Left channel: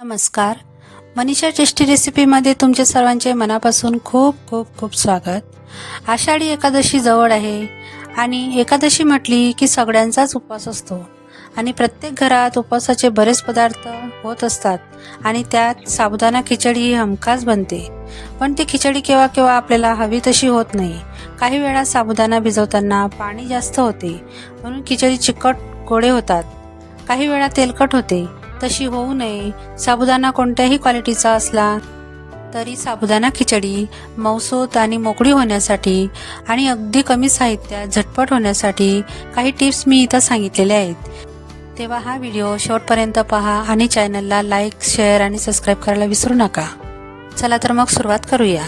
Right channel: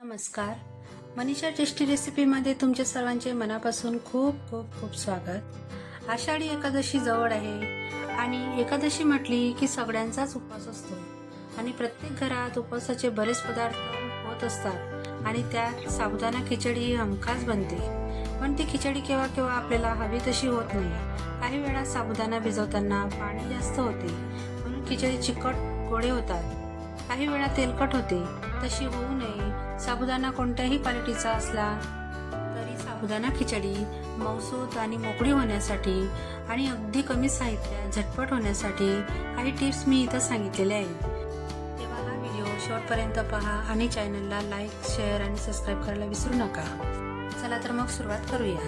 नमस्कार. मनीषा टेस्टी रेसिपीमध्ये तुमचे सर्वांचे मनापासून खूप खूप खूप स्वागत. आषाढी एकादशी जवळ आहे आणि एकादशी म्हटली की सगळ्यांचाच उपवास असतो आणि प्रत्येक घरात उपवासाचे बरेच पदार्थ होत असतात आणि त्यात साबुदाणा खिचडी ही हमखास बनते. पण ती खिचडी केव्हा केव्हा आपल्याला हवी तशी होत नाही. काही वेळा साबुदाणा भिजवताना पाणी जास्त होते म्हणून खिचडी चिकट गोडे होतात. काही वेळा तेलकट होते तशी होऊ नये. साबुदाणा कोणत्याही क्वालिटीचा असला तरी साबुदाणा खिचडी मौसूत आणि मोकळी होण्यासाठी आणि अगदी कमी साहित्यात झटपट होण्यासाठी काही टिप्स मी इथं सांगितलेल्या आहेत. तेव्हा हा व्हिडिओ शेवटपर्यंत पहा आणि चॅनलला लाईक शेअर आणि सबस्क्राईब करायला विसरू नका. चला तर मग सुरुवात करूया.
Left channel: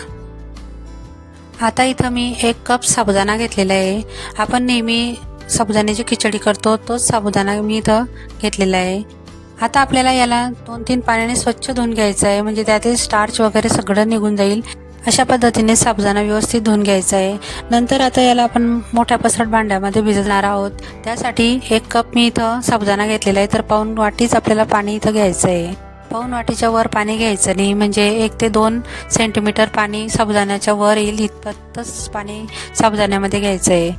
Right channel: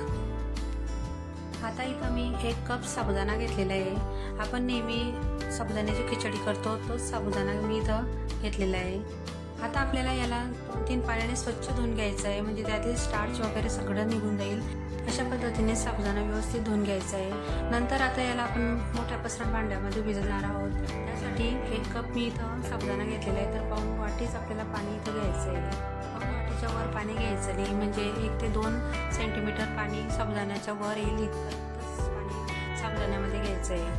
आता इथं मी एक कप साबुदाणा घेतलेला आहे. आपण नेहमी साबुदाण्याची खिचडी करतो तोच साबुदाणा मी इथं घेतलेला आहे. आता आपल्याला याला दोन तीन पाण्याने स्वच्छ धुवून घ्यायचं आहे. म्हणजे त्यातील स्टार्च वगैरे सगळं निघून जाईल. अशा पद्धतीने साबुदाणा व्यवस्थित धुवून घ्यायचा आहे. नंतर आता याला आपण मोठ्या पसरट भांड्यामध्ये भिजणार आहोत. त्यासाठी एक कप मी इथं साबुदाणा घेतलेला आहे. तर पाऊन वाटीच आपल्याला पाणी इथं घ्यायचं आहे. पाऊन वाटीच्या वर पाणी घ्यायचं नाही. म्हणजे एक ते दोन सेंटीमीटर पाणी साबुदाण्याच्या वर येईल. इतपतच पाणी साबुदाण्यामध्ये घ्यायचं आहे.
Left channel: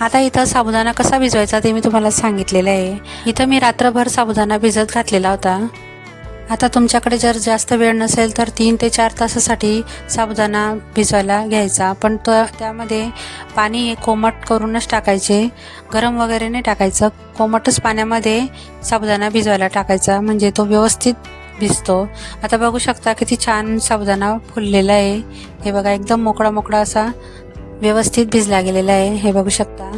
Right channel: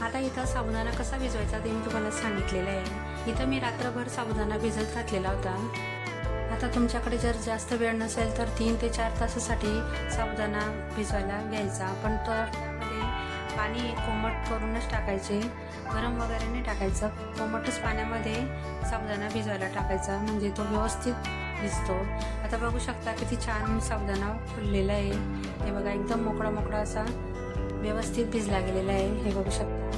आता इथं साबुदाणा कसा भिजवायचा ते मी तुम्हाला सांगितलेलं आहे. इथं मी रात्रभर साबुदाणा भिजत घातलेला होता. आता तुमच्याकडे जर जास्त वेळ नसेल तर तीन ते चार तासासाठी साबुदाणा भिजवायला घ्यायचा. पण तो त्यामध्ये पाणी हे कोमट करूनच टाकायचे. गरम वगैरे नाही टाकायचं. कोमटच पाण्यामध्ये साबुदाणा भिजवायला टाकायचा. म्हणजे तो व्यवस्थित भिजतो. आता बघू शकता किती छान साबुदाणा फुललेला आहे. हे बघा एकदम मोकळा मोकळा असा व्यवस्थित भिजला गेलेला आहे हे बघू शकता.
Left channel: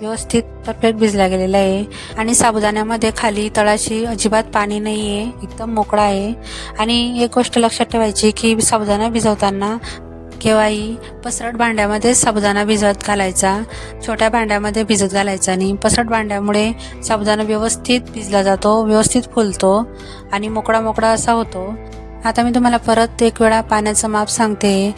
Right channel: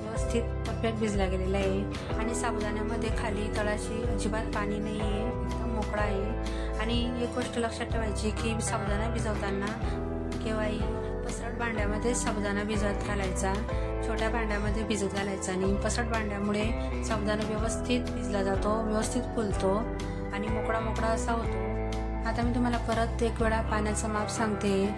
व्यवस्थित परफेक्ट भिजला गेलेला आहे. आणि साबुदाण्यामध्ये खाली तळाशी अजिबात पाणी नाही आहे एकदम मोकळा आहे. आणि एक गोष्ट लक्षात ठेवायची की साबुदाणा भिजवताना केव्हाही पसरट भांड्यामध्ये साबुदाणा भिजवत घालायचा छोट्या भांड्यामध्ये भिजत घालायचा आणि पसरट भांड्यामुळे साबुदाणा व्यवस्थित भिजला जातो व्यवस्थित फुलतो आणि मोकळा मोकळा असा होतो. आता मी तुम्हाला परत एक वेळा पाण्याचं माप सांगते.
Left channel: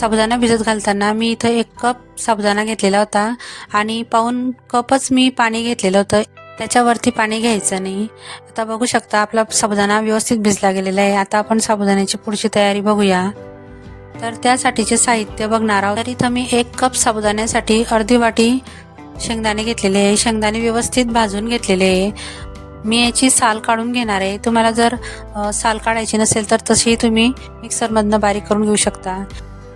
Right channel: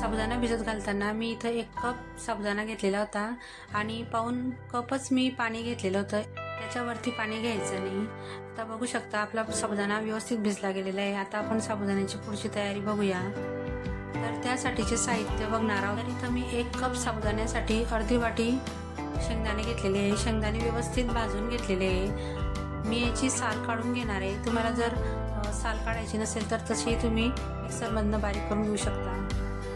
साबुदाणा भिजत घालताना मी इथं एक कप साबुदाणा घेतलेला होता आणि पाऊन कपच मी पाणी घेतलेलं होतं. त्याच्यावरती पाणी घ्यायचं नाही. आता बघू शकता आपला साबुदाणा व्यवस्थित भिजला गेलेला आहे. आता आपण साबुदाण्याची पुढची तयारी बघूया. तर त्यासाठीचे साहित्य बघणार आहोत. तर इथं मी एक कप साबुदाण्यासाठी अर्धी वाटी शेंगदाणे घेतलेले आहे. शेंगदाणे व्यवस्थित भाजून घेतलेले आहे. मी याची साल काढून घेणार आहे. तुम्हाला जर साल काढायची नसेल तर तशीही तुम्ही मिक्सरमधनं बारीक करून घेऊ शकता.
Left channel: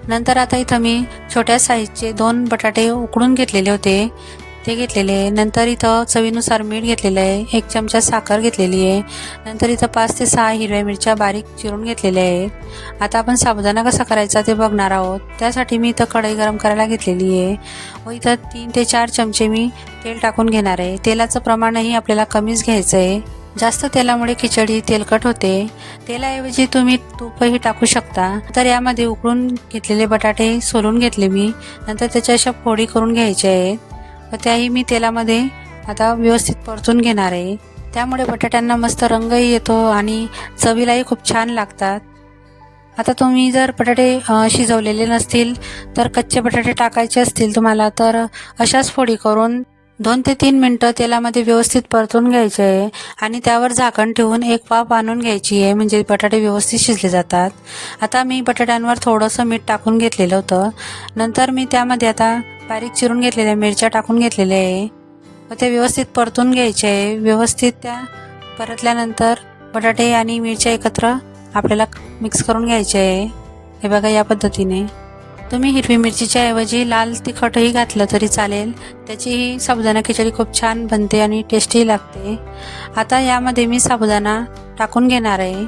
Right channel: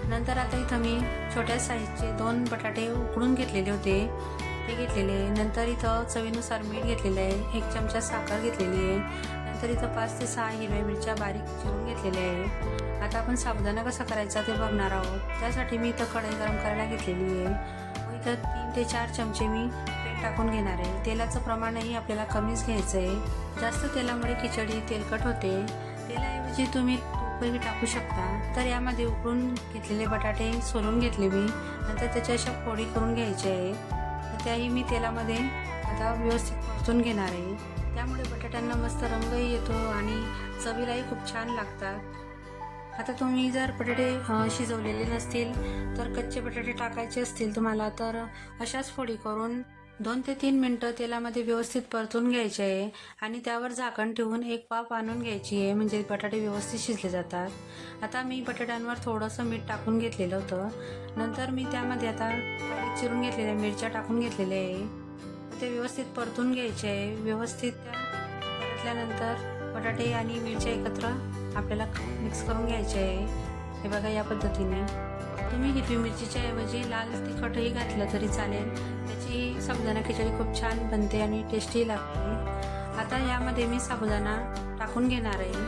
नंतर आता इथं मी छोट्या साईजचे दोन बटाटे उकडून घेतलेले होते. ते घेतलेले आहे. नंतर इथं चवीनुसार मीठ घेतलेलं आहे. एक चमचा साखर घेतलेली आहे. नंतर इथं पाच ते सहा हिरव्या मिरच्या बारीक चिरून घेतलेल्या आहे. आता आपण साबुदाणा कसा करायचा ते बघणार आहोत. त्यासाठी मी इथं कढई गरम करायला घेतलेली आहे. व इथं तीन ते चार चमचे मी तेल टाकून घेणार आहे. तेलाचं प्रमाणही आपल्याला कमीच घ्यायचं आहे. जास्त तेलामुळे खिचडी तेलकट होते. तेलाऐवजी तुम्ही तूपही टाकू शकता. तर यामध्ये उकळून घेतलेले बटाटे सोलून घेतले मी. नंतर त्याच्या अशा फोडी करून घ्यायच्या आहेत. व त्याही मी तेलामध्ये आता व्यवस्थित परतून घेणार आहे. त्यामुळे बटाट्यांना मस्त रंगही येतो आणि चवीलाही खूप छान लागतात. आता तुम्ही जर बटाटे शिजवलेले नसतील तर कच्चे बटाटे टाकायचे असतील तुम्हाला तर अशाच फोडी करून दोन ते तीन मिनटं तेलामध्ये व्यवस्थित परतून घ्यायचे आहे आणि त्यावर झाकण ठेवून एक वाफ आणून घ्यायची आहे म्हणजे बटाटे व्यवस्थित शिजले जातात. आता मी बटाट्यांवर थोडंसं मीठ टाकून घेतलेलं होतं. नंतर मी त्यामध्ये आता बारीक चिरून घेतलेल्या मिरच्या टाकून घेतलेल्या आहे. व ते व्यवस्थित परतून घ्यायचे आहे. व्यवस्थित त्या परतल्यानंतर बटाटे आणि मिरच्या एकत्र आपल्याला मिक्स करून घ्यायचे आहे. हे बघा या पद्धतीने. तुम्ही हिरवी मिरचीच्या ऐवजी लाल तिखटही घातलं तरी चालेल. त्याचीही साबुदाणा खिचडी खूप छान बनते आणि टेस्टी लागते. आता यामध्ये मी साबुदाणा टाकून घेणार आहे.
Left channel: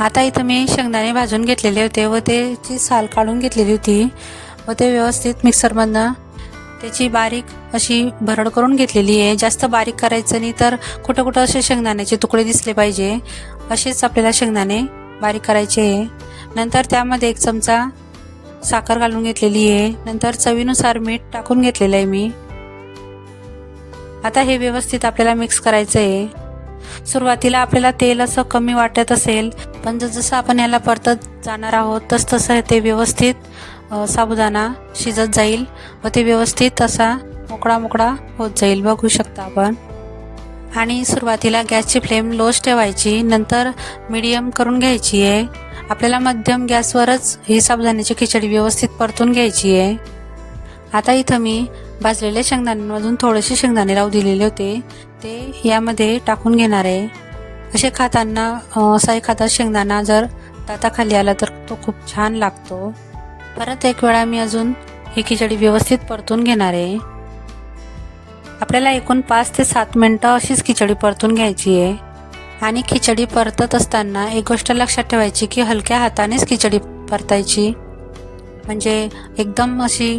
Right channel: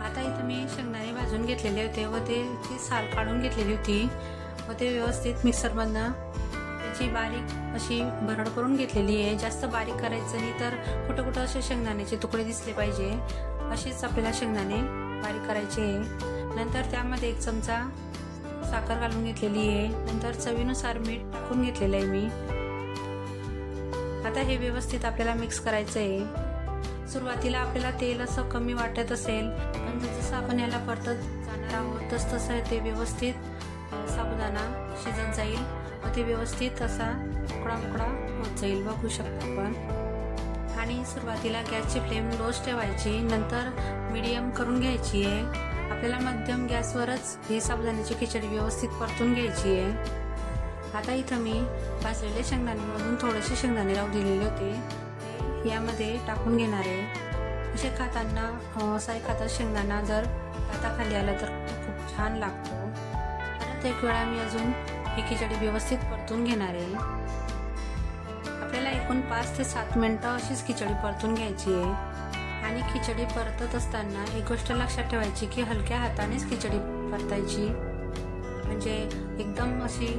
आता इथं मी शेंगदाणे भाजून घेतलेले होते व त्याची साल काढून घेतलेली होती व ते व्यवस्थित मिक्सरमधनं त्याची बारीक अशी भरड करून घेतलेली आहे. जास्त बारीक करायचं नाही तर कुठं कुठं असे शेंगदाण्याचे तुकडे दिसले पाहिजे. असेच आपल्याला शेंगदाणे बारीक करायचे आहे. नंतर त्यामध्ये एक चमचा साखर घालून घेतलेली आहे. नंतर चवीनुसार मीठ टाकून घेतलेलं आहे मी. आता हे व्यवस्थित आपल्याला मिक्स करायचं आहे सुरुवातीला आपल्याला तेल असं कमी वाटत असेल पण जसं आपण याला परतत जाणार आहोत तस तसं ते व्यवस्थित साबुदाणा शिजत जाईल व ते व्यवस्थित असा मोकळा मोकळा होत जाईल. बघू शकता आपण. आणि सुरुवातीला गॅसची फ्लेम लोच ठेवायची नंतर मीडियम करून घ्यायची आहे. आपल्याला मध्यम गॅसवरच ही साबुदाण्याची खिचडी व्यवस्थित परतून घ्यायची आहे. आता इथं मी भाजलेल्या शेंगदाण्यांमधून थोडेसे शेंगदाणे राहू दिलेले होते. ते यामध्ये टाकून घेणार आहे. असे खाताना अं, असा एखादा शेंगदाणा जर दाताखाली आला तर तो खूप छान लागतो. परत एक वेळा मी अजून ही खिचडी व्यवस्थित परतून घेणार आहे. आपल्याला एकूण पाच ते सात मिनटं अशीच खिचडी परतून घ्यायची आहे. आणि खिचडी परतत असताना एक गोष्ट लक्षात ठेवायची की हलक्या हातानेच खिचडी परतायची. म्हणजे एकदम अशी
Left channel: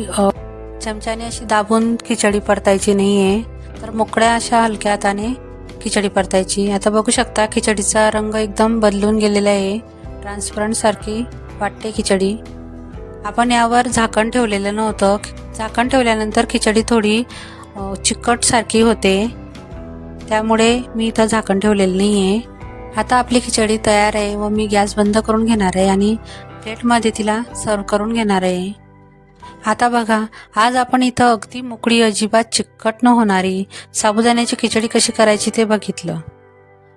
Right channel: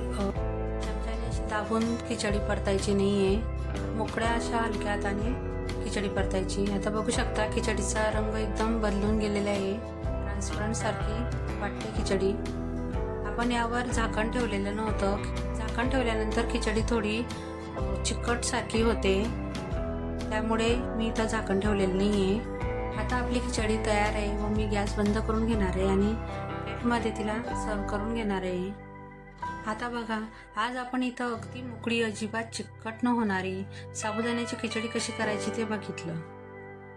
चमच्याने अशी दाबून खिचडी परतायची नाही आहे तर मोकळ्या अशा हलक्या हाताने खिचडी परतायची. आता बघू शकता खिचडीचा रंग एकदम बदलून गेलेला आहे. ट्रान्सपरंट सारखी वाटते खिचडी. आपण यावर झाकण ठेवलेलं नव्हतं. झाकण ठेवल्यानंतर खिचडी थोडी चिकटसारखी होते. त्यामुळे मी इथं झाकण ठेवलेलं नाही आहे आता आपली खिचडी तयार आहे व मी गॅस बंद करून घेणार आहे आणि प्लेटमध्ये तिला सर्व करून घेणार आहे. आता बघा आज आपण इथं अगदी मोकळी अजिबात चिकट न होणारी साबुदाण्याची खिचडी कशी करायची ते बघितलं.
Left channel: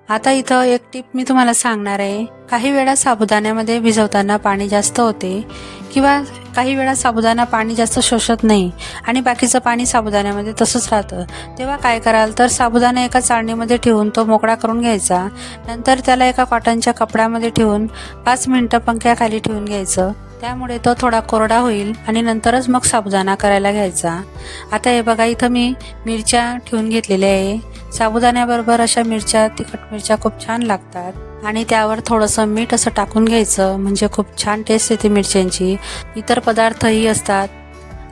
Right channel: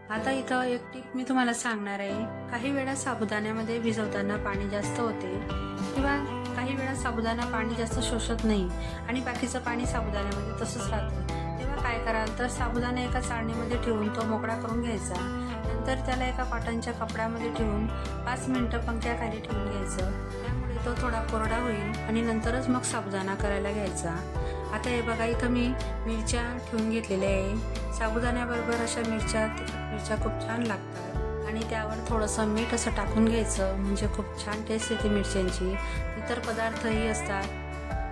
आता इथं एक टिप मी तुम्हाला सांगणार आहे. काही वेळा साबुदाण्यामध्ये भिजवताना पाणी जास्त होते किंवा काही वेळा साबुदाणा पाणी जास्त शोषत नाही आणि बाकीचं पाणी साबुदाण्यामध्ये तसंच राहतं. तेव्हा काय कराल तर साबुदाणा एका चाळणीमध्ये ठेवून तो मोकळा करून घ्यायचा. नंतर त्याला एका कॉटनच्या कपड्यामध्ये ठेवून पाच मिनटं पंख्याखाली ठेवून घ्यायचं. त्यामुळे तो थोडा कोरडा होईल आणि नंतरच मग साबुदाणा करायला घ्यायचा. आता हे बघा इथं मी मिरच्या ठेवून घेतलेल्या आहे. साबुदाण्याबरोबर अशा मिरच्या तिखट मिरच्या खूप छान लागतात. आणि त्यावर थोडंसं मीठ असं टाकून घ्यायचं. म्हणजे खूप छान टेस्ट येते मिरच्यांची. इतर पदार्थही असतात.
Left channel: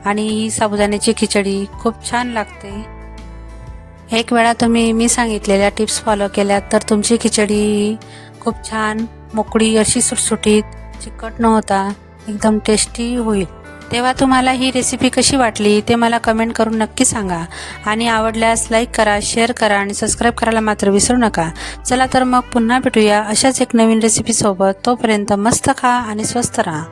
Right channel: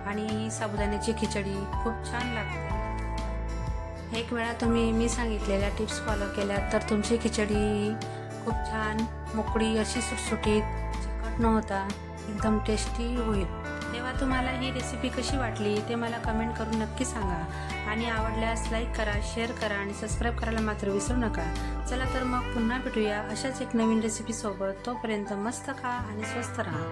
आणि ही साबुदाण्याची खिचडी खूप छान लागते. एक वेळा तुम्ही मी सांगितलेल्या टिप्स फॉलो केल्या तर तुमची खिचडी खूप छान मोकळी अशी सुटसुटीत चिकट न होता एकदम टेस्टी होईल. तेव्हा तुम्हाला ही रेसिपी कशी वाटली ते मला कमेंट करून नक्की सांगा. आणि आवडल्यास लाईक करा शेअर करा आणि सबस्क्राईब करायला मात्र विसरू नका. चला तर मग पुन्हा भेटूया अशाच एक नवीन रेसिपीसोबत तोपर्यंत मस्त खा आणि स्वस्त राहा.